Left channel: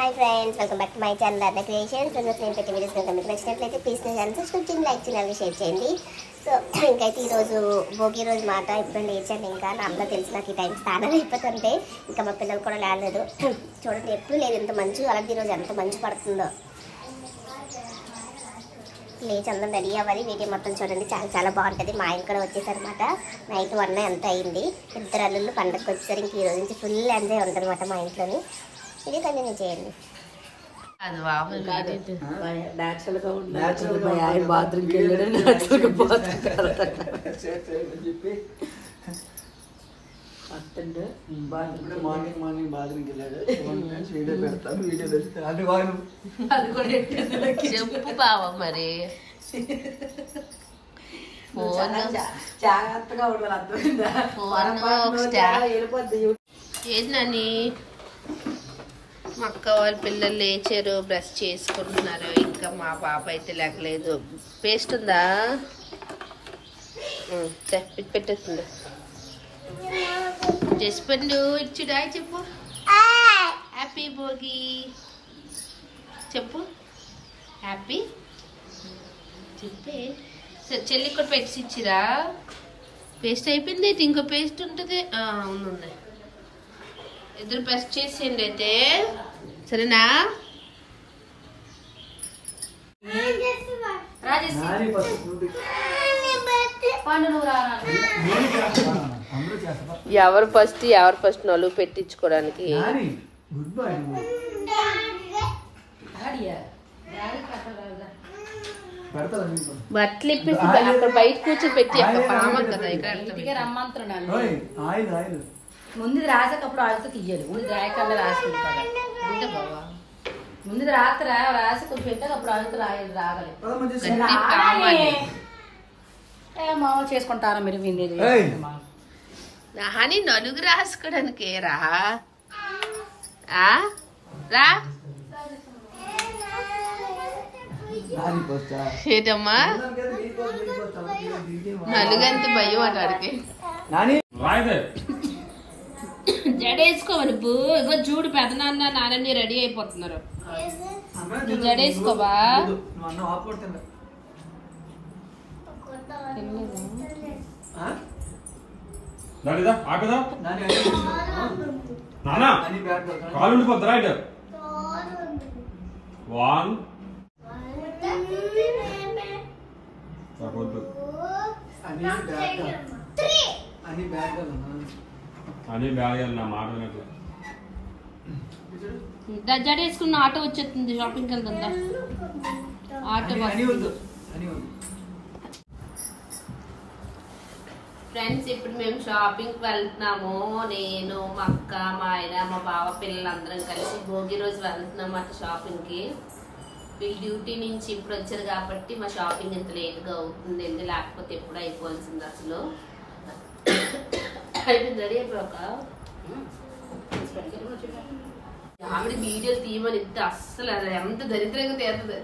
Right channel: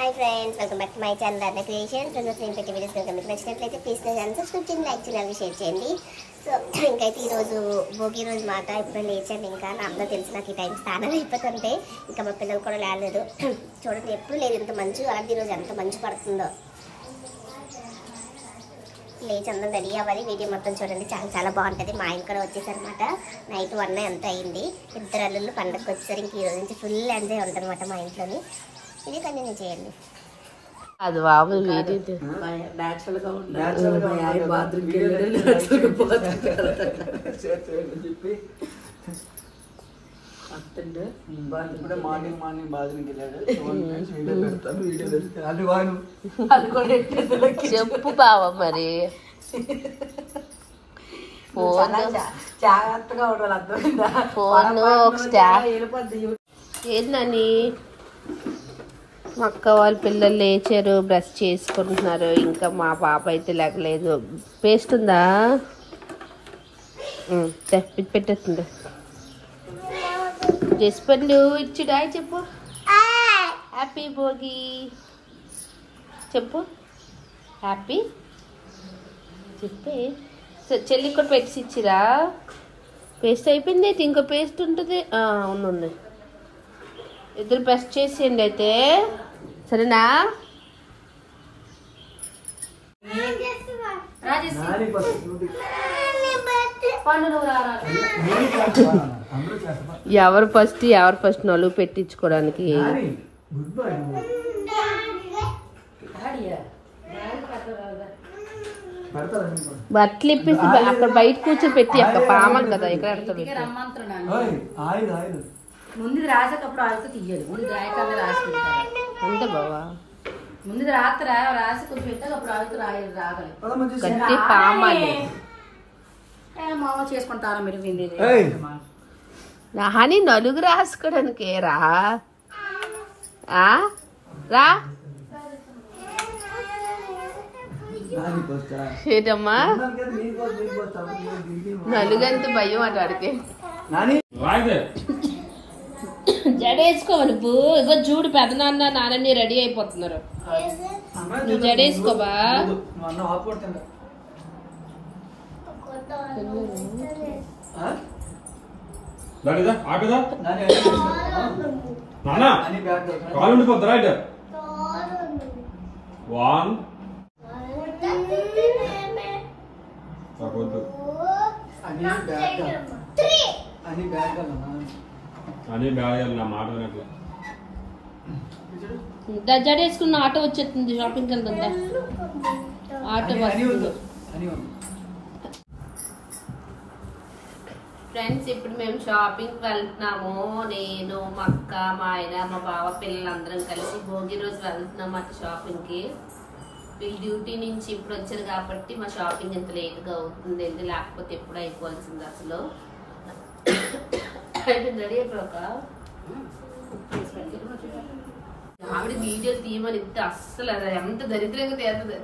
Hi friends, welcome back to my channel Radha creations. నేను పెట్టే videos కనుక మీకు నచ్చినట్లయితే ప్లీజ్ నా ఛానల్ సబ్స్క్రైబ్ చేయండి, లైక్ చేయండి, షేర్ చేయండి. సో ఇంకైతే ఈరోజు భోగి రోజు మాట ఇప్పుడు లేచాను. ఇంకా నా అందరూ తెలిసి నాకు ఈ టైం స్నానం అయిపోతుంటే ఇంకా మా పిల్లలు కూడా లేలేదు. చూడండి ఎప్పుడు లేదు ఇంత మంచు, అలాంటి ఈరోజు ఎంత మంచు పడుతుందో. లేచి అందరం రెడీ అవ్వాలి. వీడియో మొత్తం చూడండి, చాలా చాలా బాగుంటుంది. మా ఆయన కూడా వచ్చేసారనమాట. నైట్ 1 ఎంత అయింది. ఇద్దరు అల్లుళ్ళు పండగకి వచ్చేసరికి ఇంక ఈ రోజు నుంచి ఫుల్ ఎంజాయ్ ఉంటుంది అనమాట మా ఇంట్లోని. ఇది కంటిన్యూ చేయండి. అది బాబు బాత్రూమ్కి చెప్పు బావ మరి. జాగ్రత్తగా ఫోన్ ఏది నాని మా అక్క వాళ్ళ పిల్లలు లేచారు, బ్రష్ చేసుకుంటున్నారు. ఇంకా మా పాప అయితే లేకలేదు. పేస్ట్ ఉందా పెట్టేస్తుంది. జస్పండు ఇచ్చిడా చెప్పు. హ్యాపీ భోగి చెప్పు. హ్యాపీ చెప్పే. చెల్లి కూడా పెట్టి ఇచ్చిరా. పేస్ట్ అయిపోయింది అయితే ఇంకో పేస్ట్ ఉంటుంది. అవునుంది. ఇద్దరు బ్రష్ చేసేయండి అయితే, సరేనా? ఎవరు ఫస్ట్ నలుగు పెట్టించుకోవడానికి. బట్టలు ఇప్పించి అక్కడ బయట కూర్చొని పెట్టి అక్కడ పామం కదా. ఇక్కడ రమ్మంటున్నాను. ముందు రాసేటప్పుడు ఆడితే తీయాలి. ముందు రాయకన్నా రాసి పెడతారా అంతే బావా. ముందు రాత్ర రాసి కొంచెం పెట్టాక అప్పుడు ఆడితే రాగలేదు. గట్టి పామాలి మామ చేసుకుంటారా మీరు? నాని నలుగు రాసుకోవడానికి రా రా. ఏటమ్మా నలుగంత భయం అటు అడిగే. జడేసుకోవాలి. ఇగో చూడు పెదనాన్న నాన్నని రెడీ అయిపోతున్నారు. నువ్వు జడేసుకోబా. జడేసుకున్న ఆటో వచ్చేస్తుంది. షాపింగ్కి వెళ్తుందా ఆటో వస్తుంది. ఫ్రెండ్స్ ఇప్పుడు మేము షాపింగ్కి వెళ్తున్నాము. నేను మా అక్క, మా ఆయన, మా బావ పిల్లలందరం కలిసి భోగి రోజు వెళ్తున్నాం అటు షాపింగ్కి. వీళ్ళు డ్యూటీ నుంచి ఇప్పుడు వచ్చారు కాబట్టి మా షాపింగ్ ఇంత లేట్గా అవుతుంది. లేకపోతే ఎప్పుడు అయిపోవాల్సింది అసలు. రెడీ అయిపోయాక ఆవిడ వీడియో తీయమని ఇస్తే అస్సలు ఎంత దరిద్రంగా తీరుతుంది.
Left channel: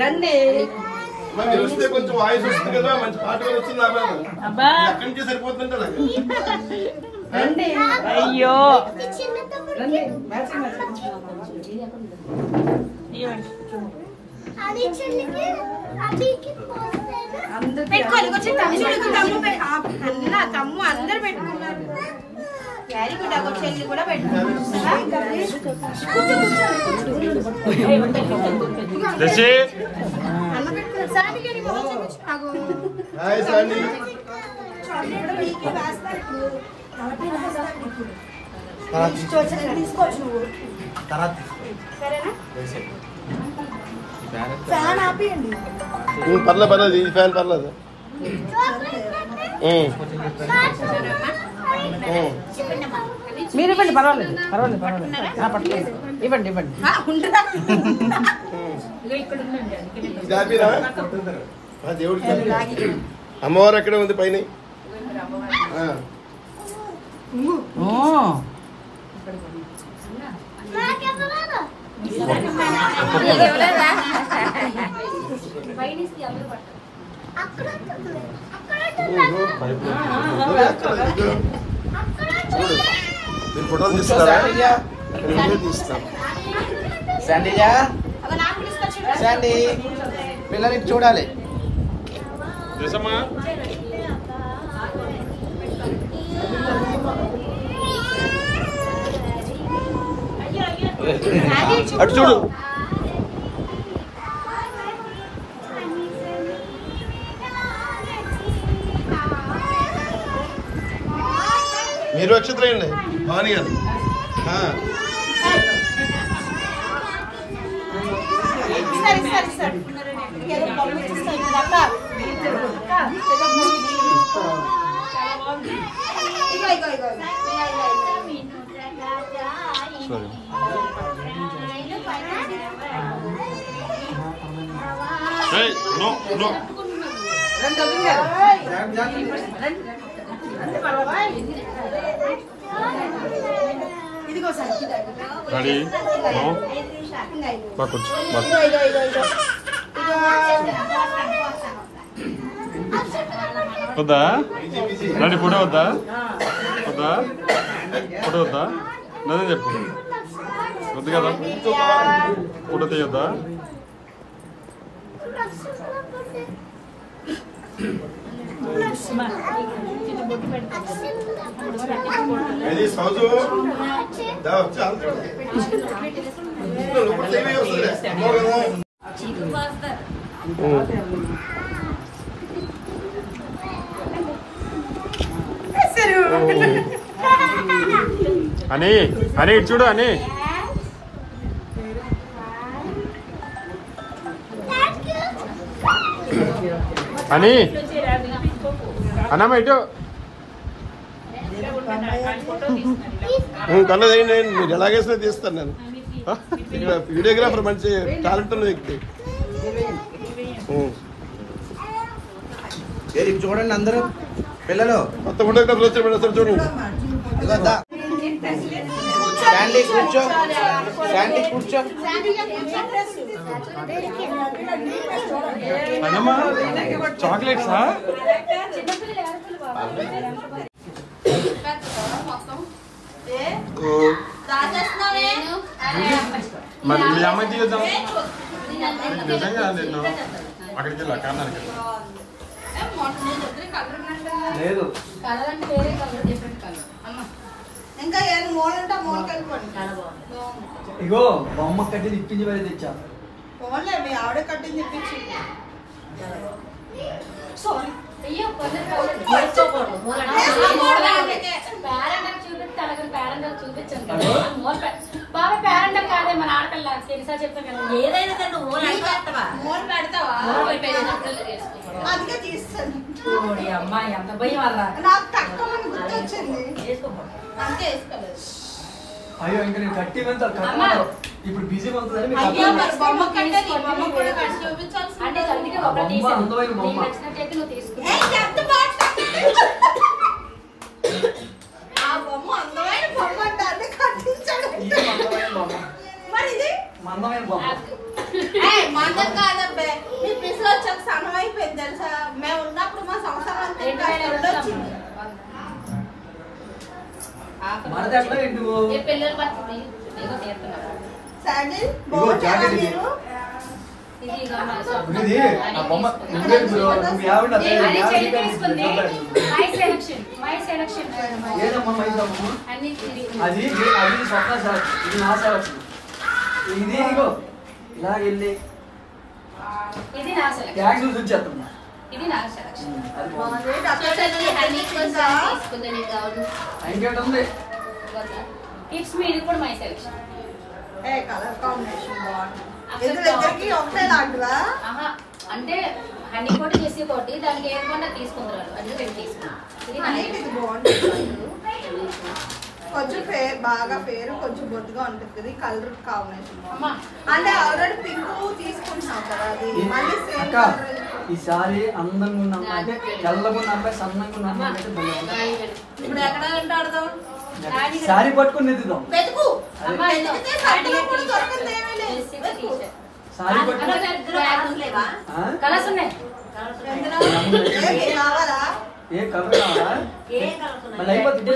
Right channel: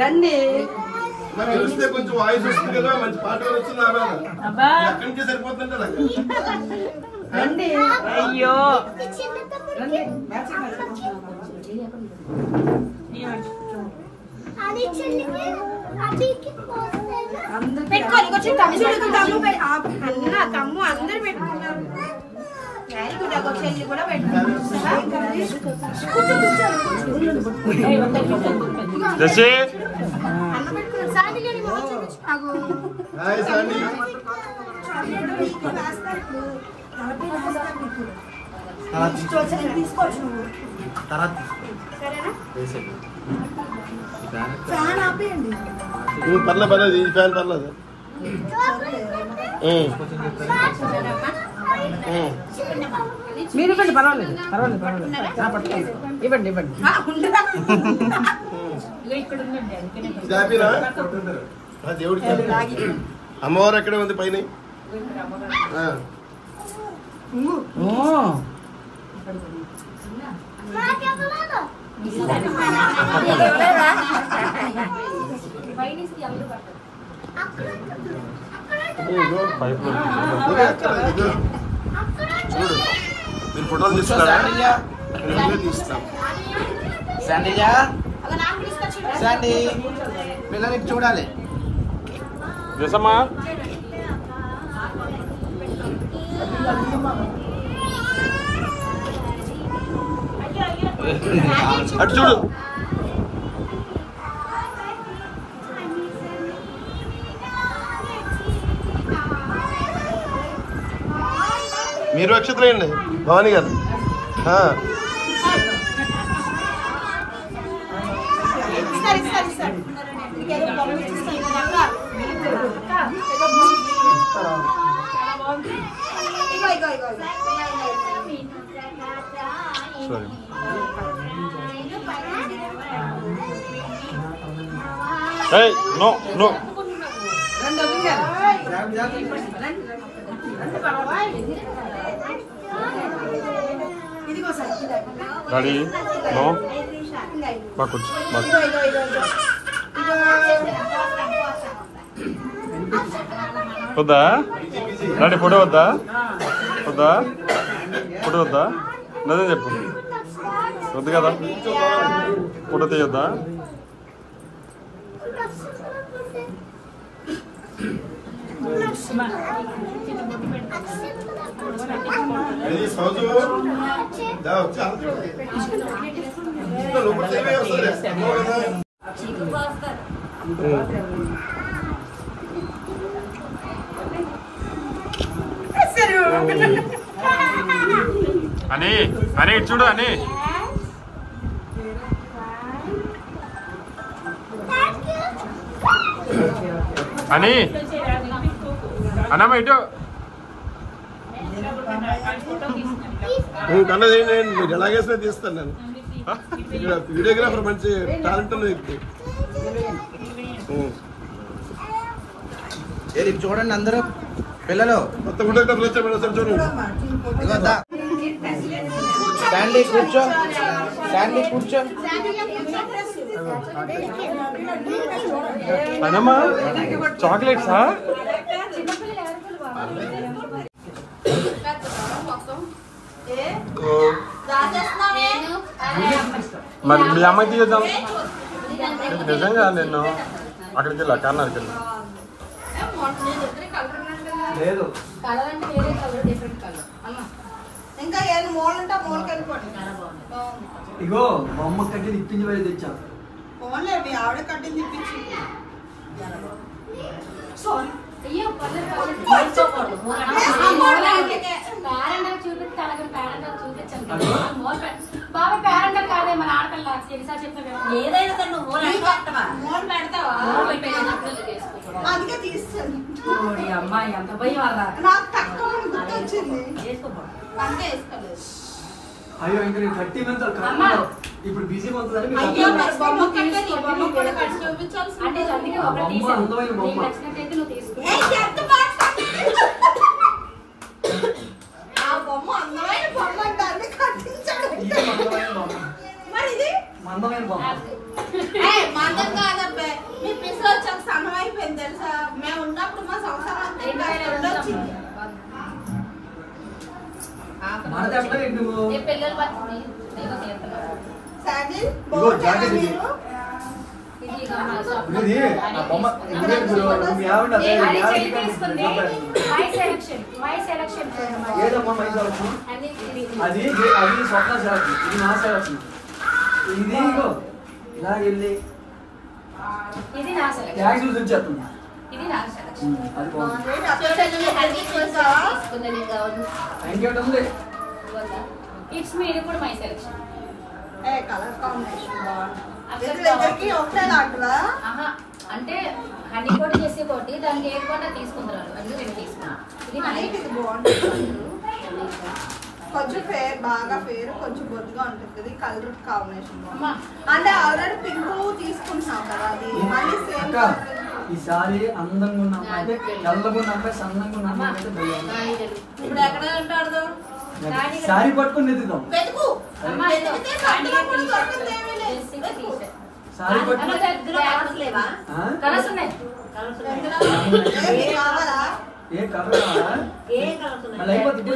రండి కొంచెం వాయిస్ వస్తుంది కదా, మంచి పాట వస్తుంది. అక్కడి నుంచి సరిపోతుంది కదా. రండి. అయ్యో తమ్ము అందరు పెట్టుకున్నారు. Very good. ఒక చెల్లి కూడా పెట్టుకున్నారు. పర్లేదు ఇది ఫ్యాన్ పర్లేదు. మీరు ఇవ్వండి, పర్వాలేదు ఇవ్వండి. దేవుడి అమ్మవారు ఎక్కడే ఉంది పైన. అక్కడ చూడు మీరు ఫోటోలు తీస్తున్నారా? తీస్తాం. పిల్లలకి చూడాలి. అటు చూడు. మీరు వచ్చిందండి భవానీ గారు. నో నో రెడీ నో బాగా వద్దా రెడీ ఫోటో వద్దా వద్దా ఫోటో వద్దా అదే చెప్పు వద్దు కదా ఫోటో తీయొద్దా అని అని చూడు అని అని అన్నమ్మ ఇటు కన్నా నేను మీరు ఎలాగేసినా తీస్తాను. నేను వీడియోగ్రాఫర్ మంచి టాలెంట్ ఉన్న వ్యక్తి. చూడండి అందరూ పిల్లలు కొత్త ఫోటోగ్రాఫర్ వచ్చారు చూడండి. కూర్చో కూర్చో. అన్నమ్మ చాక్లెట్సా? మరి మీ అమ్మాయి తీయొద్దాం. నిజంగా నేను అక్కడికి వెళ్ళా కర్ణాటక వెళ్ళి లేదు ఇంకా ఏది మోల్ ఉంటే మోల్కి వెళ్ళిపోండి. ఇగో బొమ్మ కట్టి ఇప్పించి మరి తెచ్చా. మోలే మీ ఆవిడ కట్టింది ఇప్పించి. సారీ అందుకే తీస్తాను. అమ్మాయి అంత భయం వల్ల నాకు తక్కువ గుర్తొచ్చింది అంతే వేసుకోలేదు. అయ్యో ఇంకా నేను కట్టి ఇప్పుడు బిజీ అవుతుందని బొమ్మ కట్టేది బొమ్మ కూడా కట్టి చూపించాల్సి అంటే అందుకే ఒకటి నచ్చినట్లయితే నువ్వు తీసుకో. ఆ బొమ్మ అందమైన బొమ్మ అంటే కట్టించాడు. మరి ఇది మందమైన బొమ్మ మందం కాదబ్బే. మీ పిల్లలు వచ్చాక సన్నం అయిపోయింది తెలుసా. మేము ఉన్నప్పుడు మా సంవత్సరం అంతా వచ్చింది. పిల్లలు పడుతుంది సాజిల్ బాగుంటారా మీరు? అది స్వప్న సెలక్షన్, ఇది నా సెలక్షన్. ఇది ఇగో ఇలా వెళ్ళి ఇది నా సెలక్షన్. ట్యాక్స్ చూసి వచ్చేస్తున్నా. ఇది నా సెలక్షన్. ఇంకేంటి ఉంది? ఇట్స్ మీ ఇది కూడా మై సెలక్షన్. కలర్ కాంబినేషన్ బాగుంది. ఒకటే లాంటివా? అంటే హనీ కోట్ చేసి కొట్టి దానికి ఏర్పడినా తీసుకుంటారు. అది నేను తీసుకున్నాను. ఇది ఇది బాగుంటుంది. కొంచెం ఫేర్ బాగా ఫేర్ కొంచెం బొద్దుగా ఉంటుంది కదా. కలర్ కాంబినేషన్ బాగుంది. అంటే ఆల్రెడీ పింక్ తీసుకుంటున్నాం కదా. అది మళ్ళీ సేమ్ ఈసారి అందంగా ఉన్న అంటే తెల్లగా ఉన్న అబ్బాయి సన్నంగా ఉన్న అమ్మాయి ఇప్పుడు ఎక్కడ ఉంటాడు? సారీ పట్టుకుని ఎత్తుదాం. వెతుకు సారీ పట్టుకుని కలర్స్ ఉన్నాయి. కావాలా? ఏ కలర్ మళ్ళీ అయిపోతుంది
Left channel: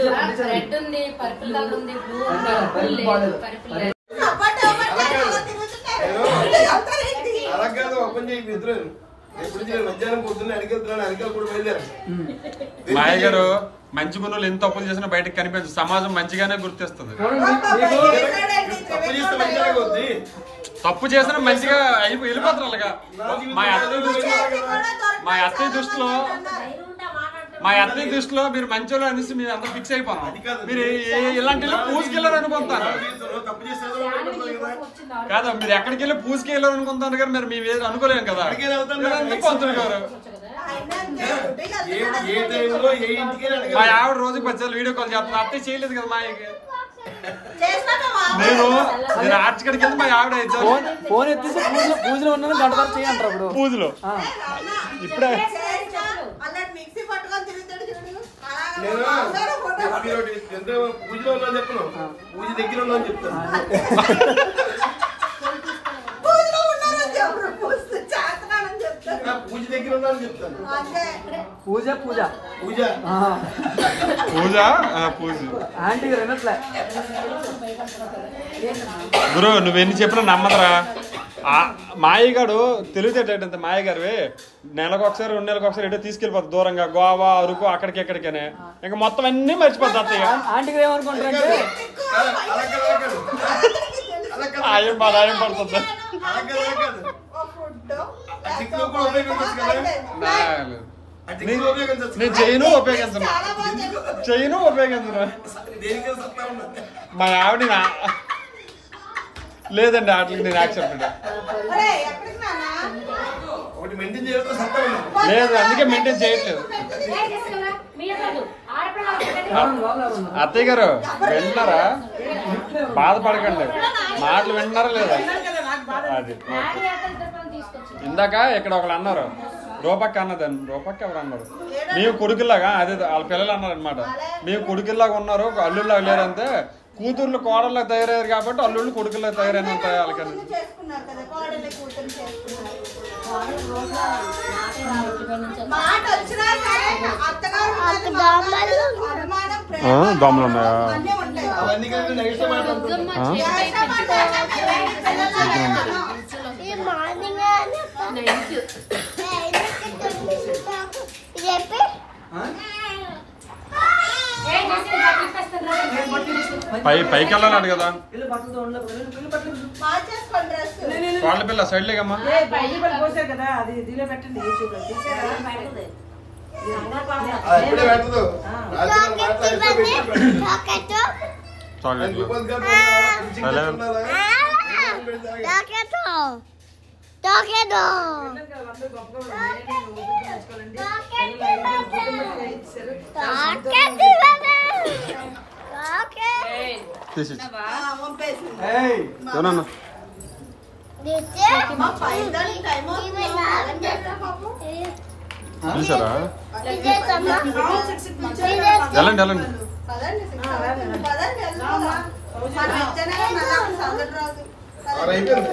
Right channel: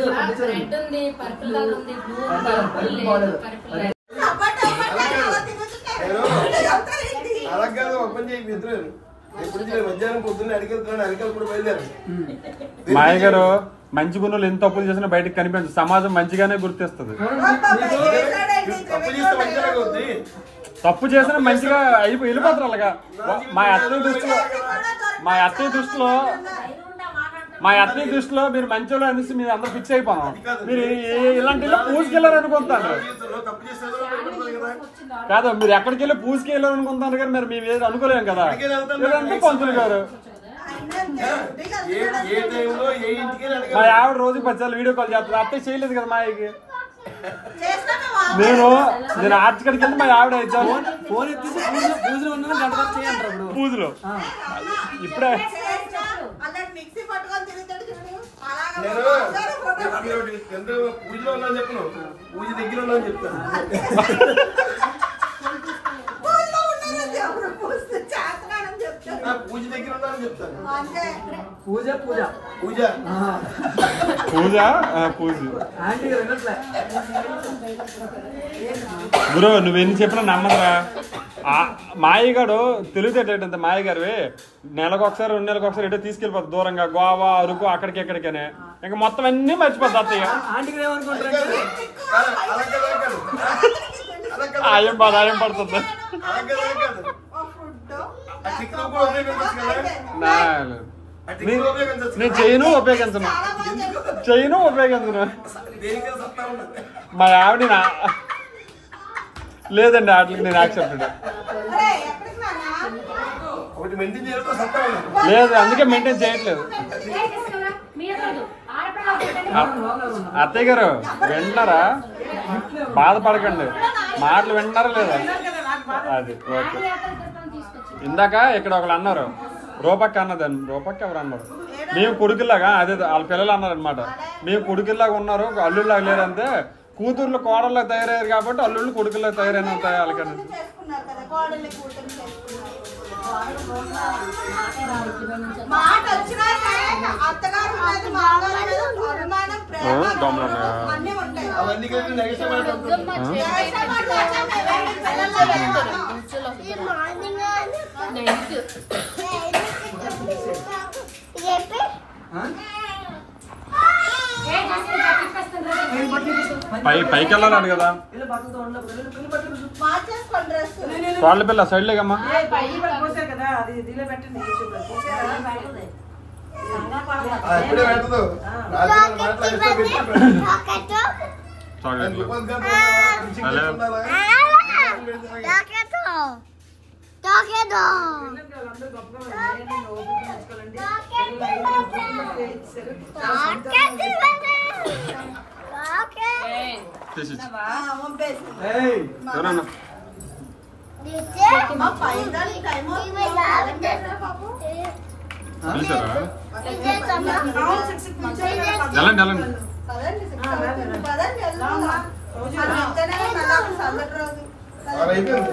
రెడ్ ఉంది, పర్పుల్ కలర్ ఉంది, బ్లూ ఉంది, పర్పుల్ పర్పుల్ అలా కాదు ఓపెన్ చేయి ఇద్దరు ఎప్పుడు మధ్యాహ్నం పొద్దున్న అడిగెళ్తున్నాడు అడిగలు కూడా బయలుదేరు మాయ గారు మంచి గుణాలు ఎన్ని తప్పులు చేసినా బయటకు కనిపించదు సమాజం మంచిగానే గుర్తిస్తుంది తప్పు చేసినా మంచిగా వెళ్ళిపోతారు అలాగా మా అత్తయ్య దృష్టిలో మీరు మంచోళ్ళు అనేసి మీరు అందరూ ఫిక్స్ అయిపోయినాం మీరు ఇలాంటి పూజకి వెళ్ళారు అనుకుంటాను కాదు మీరు ఎక్కడికి వెళ్ళి పూజకి వెళ్ళారు అనుకుంటాను కానీ మరి మేము ఏది అనుకోలేము కదా పంతులు గారు మా ఆవిడ రోజుకి 10 సార్లు వీడియో కాల్ చేస్తాను అత్తయ్య చేయలేదు కదా మా అయ్యకి నేను ఆర్చి కడికి వెళ్తే మా ఆవిడ ఇచ్చాను ఫోన్ ఎత్తేసి పూజలో ఉన్నాను గంట వరకు చేయంటారు అప్పుడు పూజలో ఇప్పుడే పూజలో ఉన్నాను చెప్పను పూజ దగ్గర ఉన్నాను చెప్తాను పూజ దగ్గర ఉన్నాను చెప్తాను పూజ పూజ పూజ పూజ పూజ ఆంటీ వినట్లే గురు నువ్వెన్ని చెప్పినా నమ్మదురా మాయగాడు తెలివితేటంత మాయగారు నెలకు ఒకసారి 2 నెలలకు ఒకసారి ఎటో తీసుకెళ్ళిపోతుంది దూరంగా గోవా అరకు అక్కడికి ఎక్కడికనే ఇంకా మొత్తం అన్ని మర్చిపోద్ది అత్తయ్య ఆంటీకి ఏమనుకుంటారంటే ఆయం పడుతుంది నేను చేయను ఉపయోగించను మా ఆవిడ లేదండి వాటికి నేను యాక్సెప్టెడ్ లేదు అందుకే మెయింటైన్ చేయట్లేదు అత్తయ్య గారు వింటున్నారా బాధపడకండి మాటలు వింటున్నారా లేదా అది ఓకే ఇందాక ఇక్కడ ఒకళ్ళు అన్నారు రూపక్క అన్నదని రూపక్క ఎవరు అన్నారు మేము కొడుకుల్లాగా అదే వాళ్ళ పిల్లలు అన్నారు అనమాట మేము కొడుకుల్లాగా ఉన్నారు అల్లుళ్ళలాగా లేరంటే కూతుర్లు కోడల్లో తయారయ్యారు కాబట్టి అల్లుళ్ళు కొడుకుల్లో తయారైనంత వాళ్ళకని పైకి వెళ్ళాలంట కదా వాళ్ళ పిల్ల సైడ్ లేకమ్మా చూసారా వెళ్ళండి వెళ్ళండి అయిపోయింది